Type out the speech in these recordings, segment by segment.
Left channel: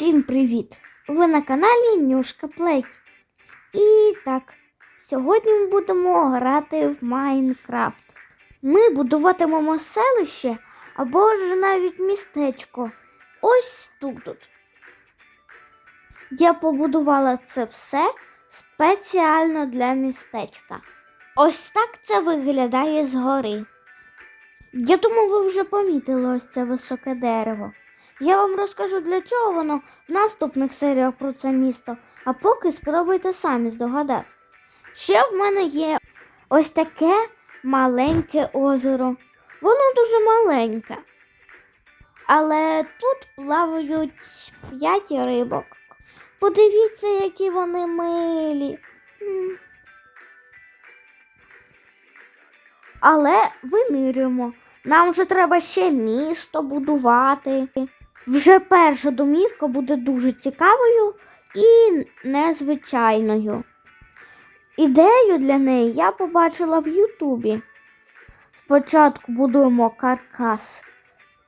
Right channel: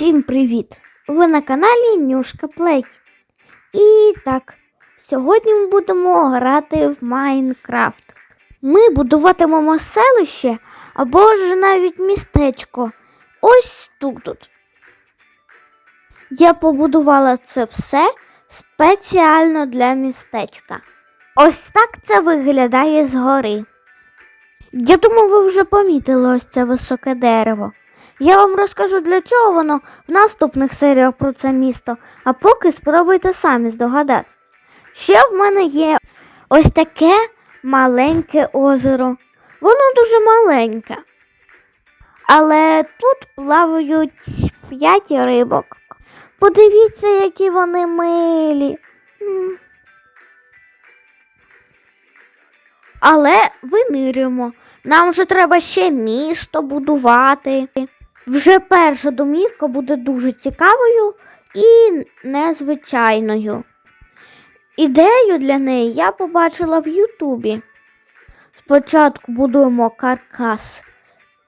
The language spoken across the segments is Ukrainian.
Усім привіт! Ви на каналі Нюшка Плей. І так, сьогодні ми будемо грати в Майнкрафт. Ми будуватимемо селище або ж навіть містечко. Ось тут. от. Я побудувала це все спеціально для містечка. Ось так це виглядає згори. Я думаю, ви вже помітили ось це високе дерево. Я вам розкажу, для чого воно в наступних серіях про це місто, а поки спробуйте самі здогадатися. Ще в мене є ось таке маленьке озеро. Воно дуже маленьке. Але тут плавають п'ять рибок. Подивіться, які вони милі. Але винирюємо. Нам вже треба ще місто будувати. Вже перша домівка буде дуже цікавою і незвичайною. Ідею для неї я побачила в Ютубі. Спочатку будуємо каркас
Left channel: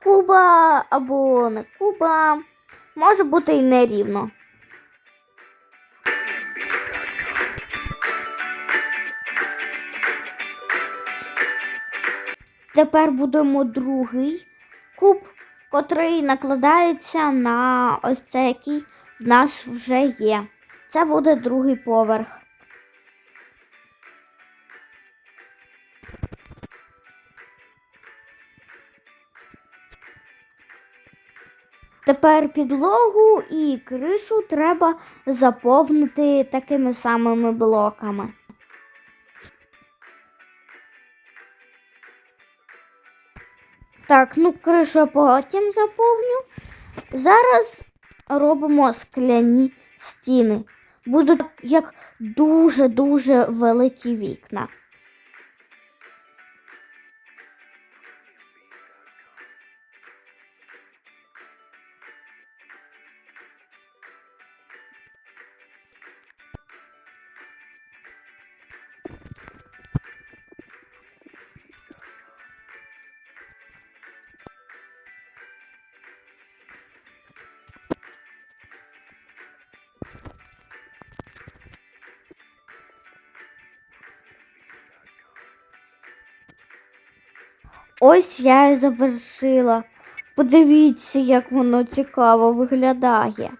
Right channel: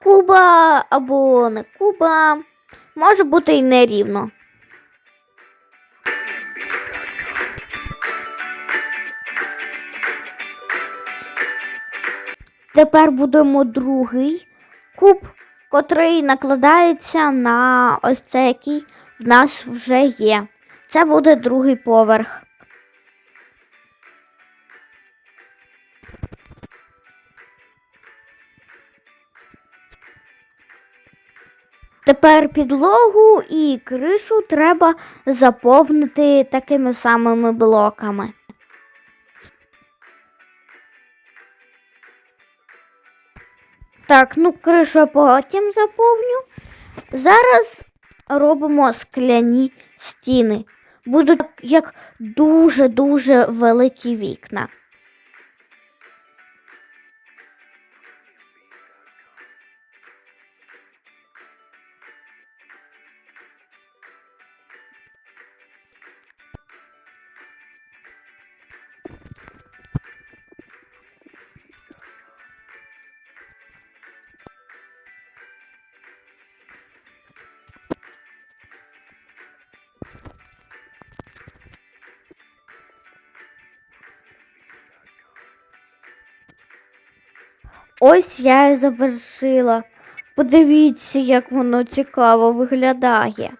куба або не куба, може бути і нерівно. Тепер будемо другий куб, котрий накладається на ось цей, який в нас вже є. Це буде другий поверх. Тепер підлогу і кришу треба заповнити такими самими блоками. Так, ну кришу потім заповню. Зараз робимо скляні стіни. Будуть як дуже-дуже великі вікна. Ось я і завершила. Подивіться, як воно цікаво виглядає.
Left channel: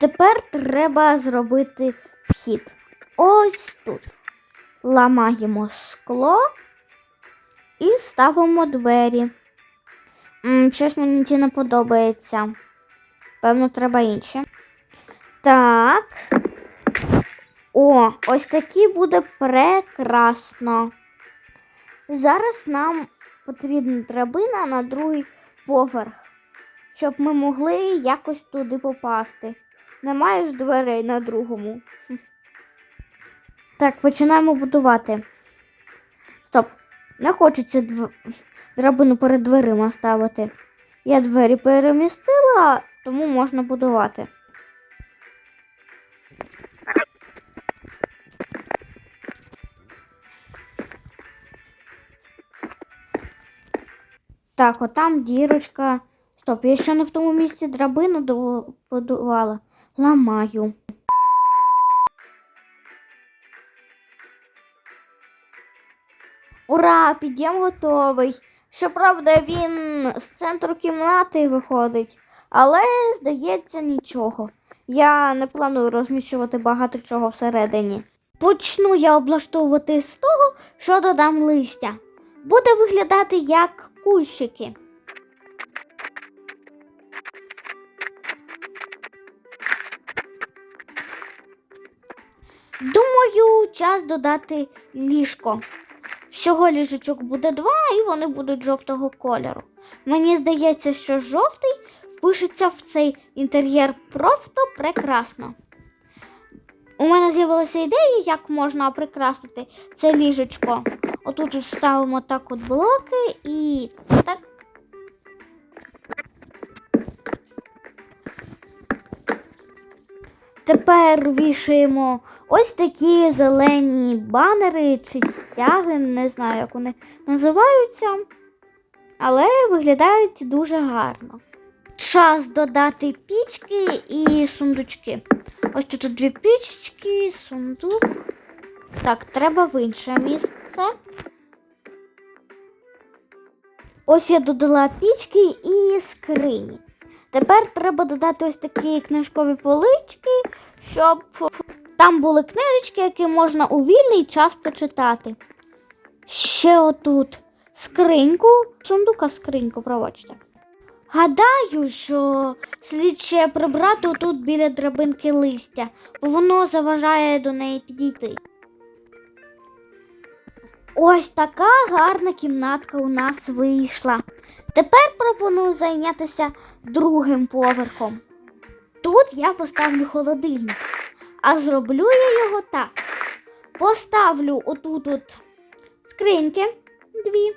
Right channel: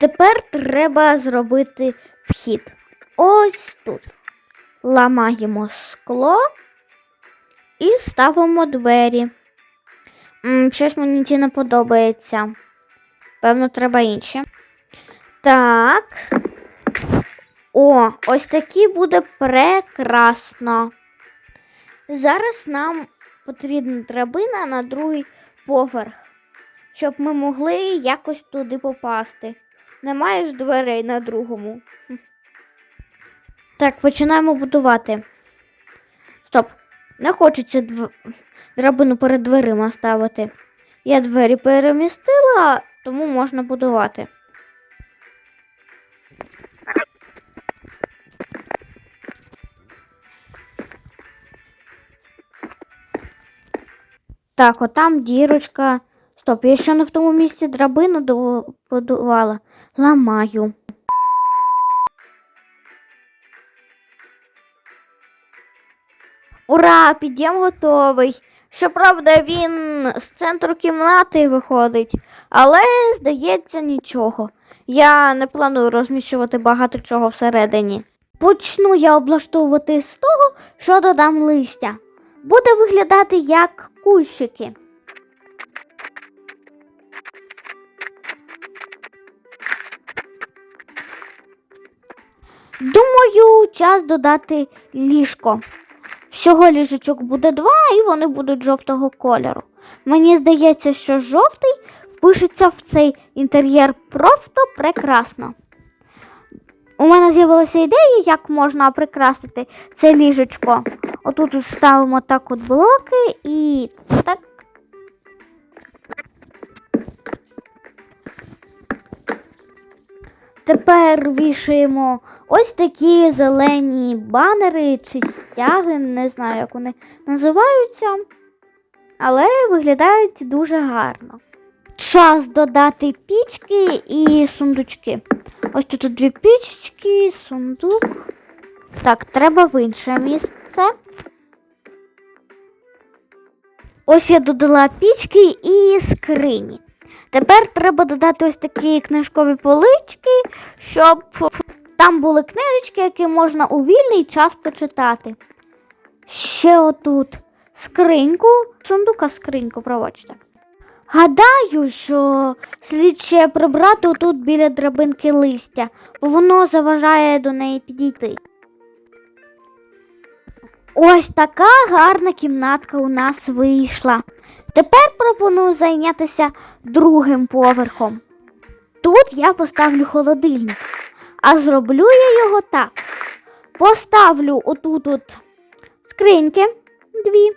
Тепер треба зробити вхід. Ось тут. Ламаємо скло і ставимо двері. М, щось мені ці не подобається. Певно, треба інше. Так. О, ось такі буде прекрасно. Зараз нам потрібна драбина на другий поверх, щоб ми могли якось туди попасти. Немає ж дверей на другому. Так, починаємо будувати. Стоп, не хочеться дв... драбину перед дверима ставити. Я двері перемістила, тому можна будувати. Так, отам дірочка. Стоп, я ще не в тому місці драбину до- будувала. Ламаю. Ура! Під'єм готовий. Щоправда, він з центру кімнати виходить, але, здається, нічого. Я не планую розміщувати багато чого всередині. Почну я облаштовувати з того, що додам листя. Буде виглядати як кущики. Думаю, час додати ліжко. Всього ліжечок буде два, і вони будуть жовтого кольору. Мені здається, що жовтий впишеться в цей інтер'єр просто прекрасно. У мене з'явилася ідея, як можна прикрасити це ліжечко. Отут ставимо так от блоки і так. Тепер вішаємо ось такі зелені банери чи стяги, не знаю, як вони називаються, але виглядають дуже гарно. Час додати пічки і сундучки. Ось тут дві пічки, сундук. Так, треба в інше місце. Ось я додала пічки і скрині. Тепер треба додати ось такі книжкові полички, щоб там були книжечки, які можна у вільний час почитати. Ще отут скриньку, сундука скриньку, пробачте. Гадаю, що слід ще прибрати тут біля драбинки листя, бо воно заважає до неї підійти. Ось така гарна кімнатка у нас вийшла. Тепер пропоную зайнятися другим поверхом. Тут я поставлю холодильник, а зроблю я його так. Поставлю отут от скриньки дві.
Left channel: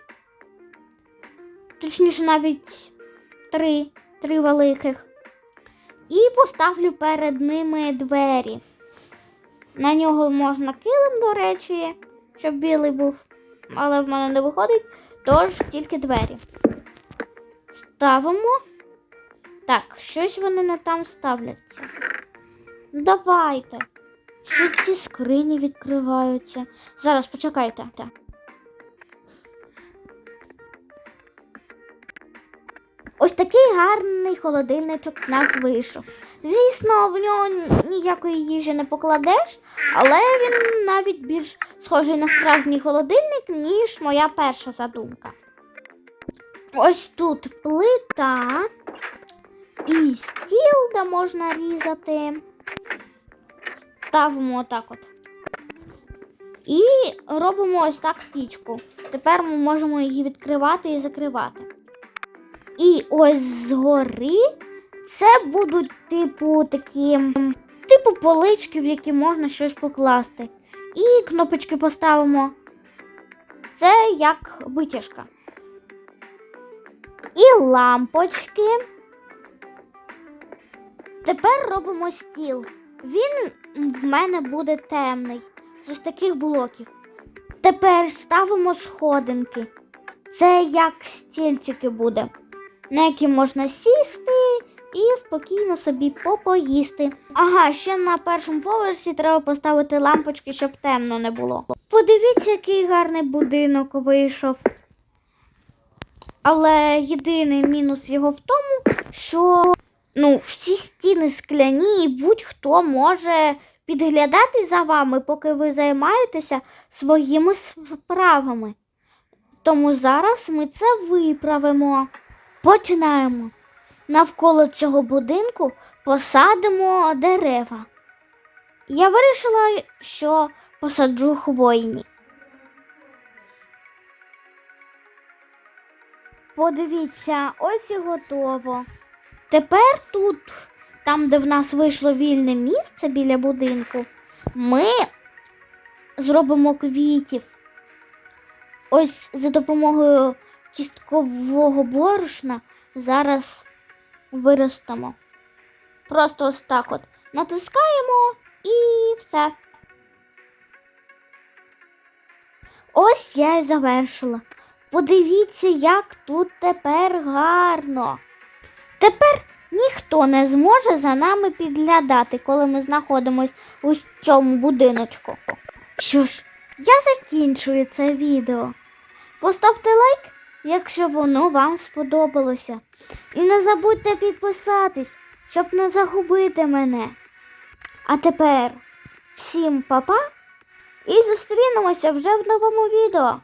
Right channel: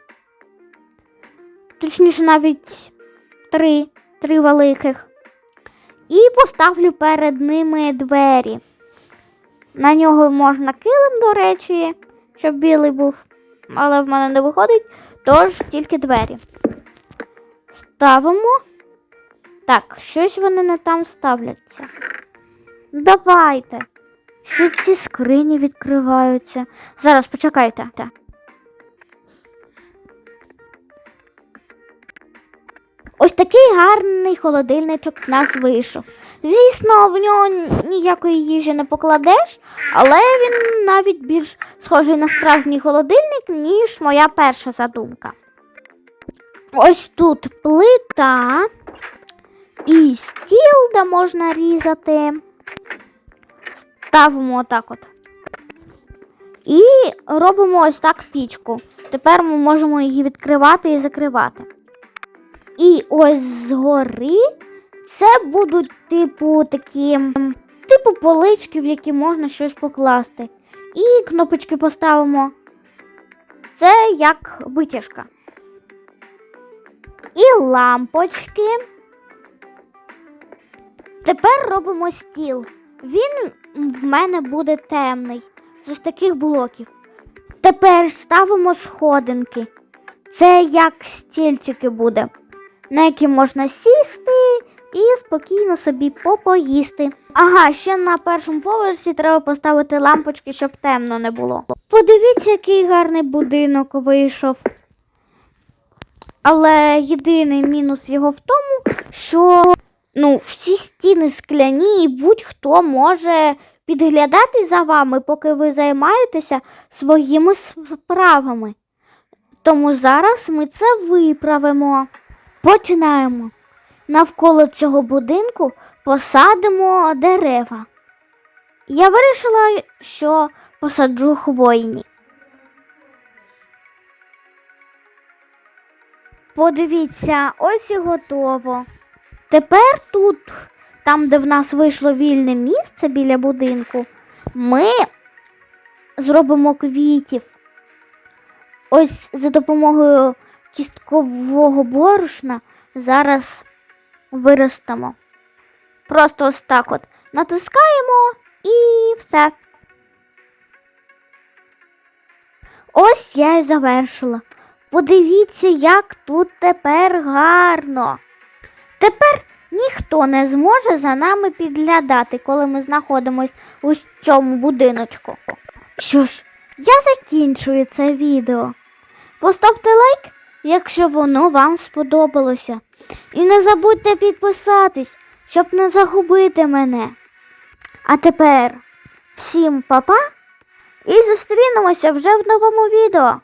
Точніше, навіть три, три великих. І поставлю перед ними двері. На нього можна килим, до речі, щоб білий був, але в мене не виходить, тож тільки двері. Ставимо. Так, щось вони не там ставляться. Давайте. Що ці скрині відкриваються? Зараз почекайте. Так. Ось такий гарний холодильничок в нас вийшов. Звісно, в нього ніякої їжі не покладеш, але він навіть більш схожий на справжній холодильник, ніж моя перша задумка. Ось тут плита і стіл, де можна різати. Ставимо отак от. І робимо ось так пічку. Тепер ми можемо її відкривати і закривати. І ось згори це будуть типу такі, типу полички, в які можна щось покласти. І кнопочки поставимо. Це як витяжка. І лампочки. Тепер робимо стіл. Він в мене буде темний, з таких блоків. Тепер ставимо сходинки. Це як стільчики буде, на які можна сісти і спокійно собі попоїсти. Ага, ще на першому поверсі треба поставити лампочки, щоб темно не було. Подивіться, який гарний будинок вийшов. Але єдиний мінус його в тому, що ну, всі стіни скляні, і будь-хто може підглядати за вами, поки ви займаєтеся своїми справами. Тому зараз ми це виправимо. Починаємо. Навколо цього будинку посадимо дерева. Я вирішила, що посаджу хвойні. Подивіться, ось і готово. Тепер тут, там, де в нас вийшло вільне місце біля будинку, ми зробимо квітів. Ось за допомогою кісткового борошна зараз виростемо. Просто ось так от натискаємо і все. Ось я і завершила. Подивіться, як тут тепер гарно. Тепер ніхто не зможе за нами підглядати, коли ми знаходимось у цьому будиночку. Що ж, я закінчую це відео. Поставте лайк, якщо воно вам сподобалося. І не забудьте підписатись, щоб не загубити мене. А тепер всім па-па і зустрінемося вже в новому відео.